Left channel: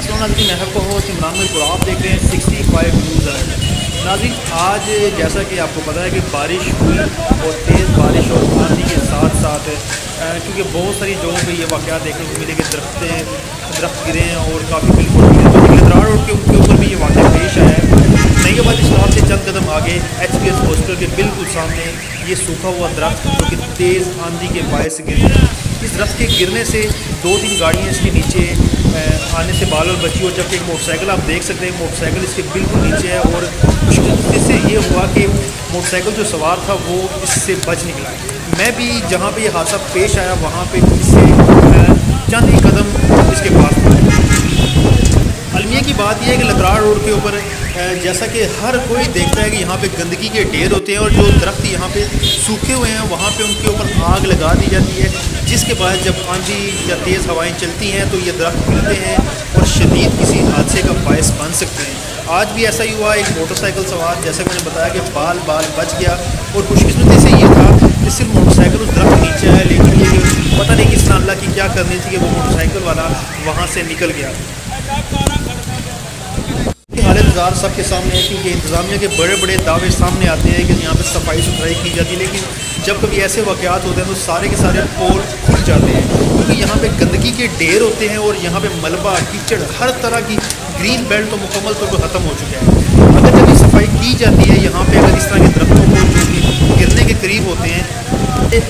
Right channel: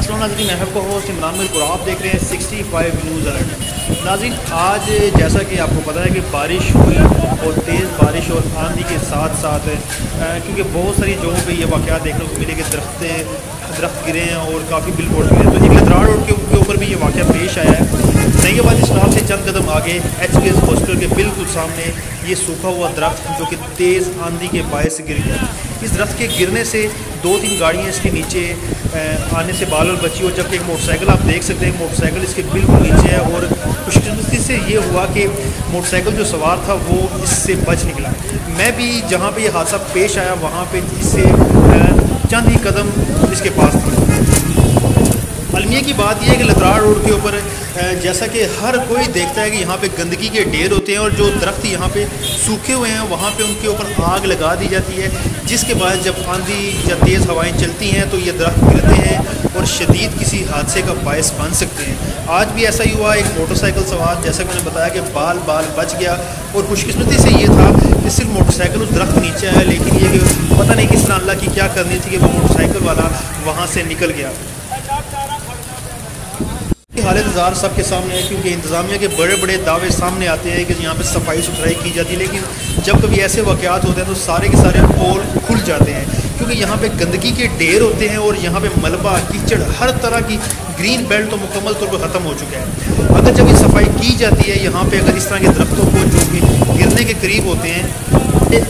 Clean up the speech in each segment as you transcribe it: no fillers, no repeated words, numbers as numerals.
अस्सलाम नाज़रीन, मैं आपको होस्ट इमरान मिल्क और आप देख रहे हैं 65 न्यूज़ अलर्ट। नाज़रीन, आज जैसा कि आपको पता है कि बारिश हुई और तेज़ बारिश और आंधी के साथ साथ क्योंकि बहुत सारी जगहों पे ये वाक़यात देखने को मिले कि दरख्त गिरे हैं और काफ़ी बिल फुट गिरे हैं। तो एक लतराड़ रोड के ऊपर भी ये वाक़या पेश आया है। नईबाद स्टॉप से चंद कदम आगे HPS हॉस्पिटल के बिल्कुल सामने ये सूखा हुआ दरख्त जो कि तेज़ आंधी के बायस गिर गया। इस दरख्त के गिरने से 2-3 गाड़ियाँ इसके नीचे आने से बाल बची और जबकि एक मोटरसाइकिल आप देख सकते हैं, मोटरसाइकिल इसके बिल्कुल नीचे है। और खुशकिस्मती से ये हुआ कि मोटरसाइकिल जो सवार था वो इससे बच निकला। मैं भी जहाँ पे ये हादसा पेश आया वहाँ पे इससे चंद ही कदम इसके पास था। अलमिया की बात यह है कि लतराड़ रोड के ऊपर जैसा कि हर कोई देखता है कि यहाँ पे गंदगी के ढेर होते हैं और जो दरख्त यहाँ पे सूखे हुए हैं वहाँ पे उनके ऊपर आग लगा दी जाती है, जिसके बाद जब आंधी या तेज़ हवाएं चलती हैं तो ये दरख्त गिरते हैं और शदीद किसी हादसे का बायस बन सकते हैं। आज भी ऐसा ही हुआ। एक मोटरसाइकिल सवार, जैसा मैंने बताया कि बाल बच गया और खुशकिस्मती से ये था कि सिर्फ मोटरसाइकिल उस दरख्त के नीचे आया, लेकिन ये कि पता नहीं किस तरह अल्लाह की क्या करनी थी कि वो मोटरसाइकिल वाला वहाँ से निकल गया। हालत ज़ार सबके सामने है क्योंकि इंतज़ामिया के बड़े बड़े दावे सामने आते हैं कि यहाँ पे सफाई सुथराई की जाती है, लेकिन जब कभी ऐसे वाक़यात होते हैं तो सारे के सारे पोल खुल जाते हैं क्योंकि यहाँ पे गंदगी के ढेर होते हैं और यहाँ पे मलबा कीचड़ हर तरह की ग्रीन बेल्ट तो मुकम्मल तौर पर ख़त्म हो चुका है। अगर जब ये सफाई की जाती है यहाँ पर, अगर इस तरह के दरख्तों को जो कि गिरने के करीब होते हैं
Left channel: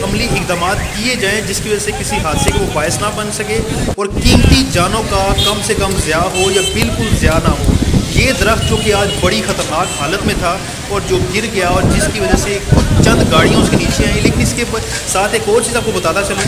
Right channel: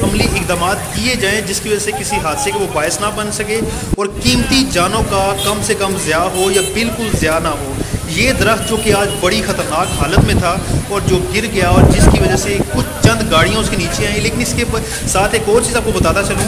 अमली इकदाम किए जाएँ जिसकी वजह से किसी हादसे का वो बायस ना बन सके और कीमती जानों का कम से कम ज़िया हो या बिल्कुल ज़िया ना हो। ये दरख्त जो कि आज बड़ी ख़तरनाक हालत में था और जो गिर गया और जिसकी वजह से कुछ चंद गाड़ियाँ उसके नीचे आई, लेकिन इसके साथ एक और चीज़ आपको बताता चलूँ,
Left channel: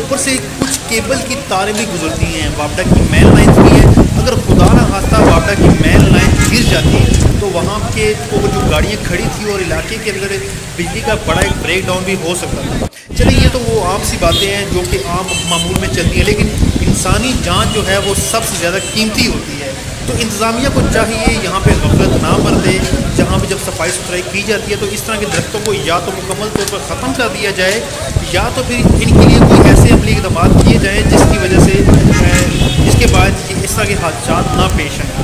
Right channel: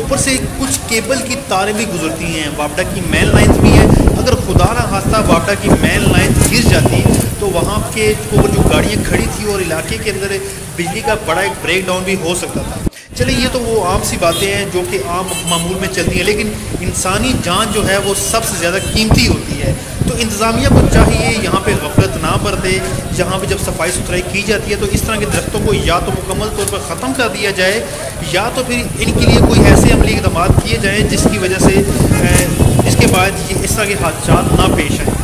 ऊपर से कुछ केबल की तारें भी गुजरती हैं, वापडा की मेन लाइन्स भी हैं। अगर खुदा ना खास्ता वापडा की मेन लाइन गिर जाती तो वहाँ के ऊपर जो गाड़ियाँ खड़ी थी और इलाके के अंदर बिजली का बड़ा एक ब्रेक डाउन भी हो सकता था। चलिए, ये तो वो आम सी बातें हैं जो कि आम मामूल में चलती हैं, लेकिन इंसानी जान जो है वो सबसे ज़्यादा कीमती होती है। तो इंतज़ामिया को चाहिए यहाँ पे गफलत ना बरते। जहाँ पे जब सफाई सुथराई की जाती है तो इस तरह के दरख्तों को या तो मुकम्मल तौर पर ख़त्म कर दिया जाए या तो फिर इनके लिए कोई ऐसे अमली इक़दाम किए जाएँ जिसकी वजह से इसके बाद इस तरह के हादसा ना पेश आएँ।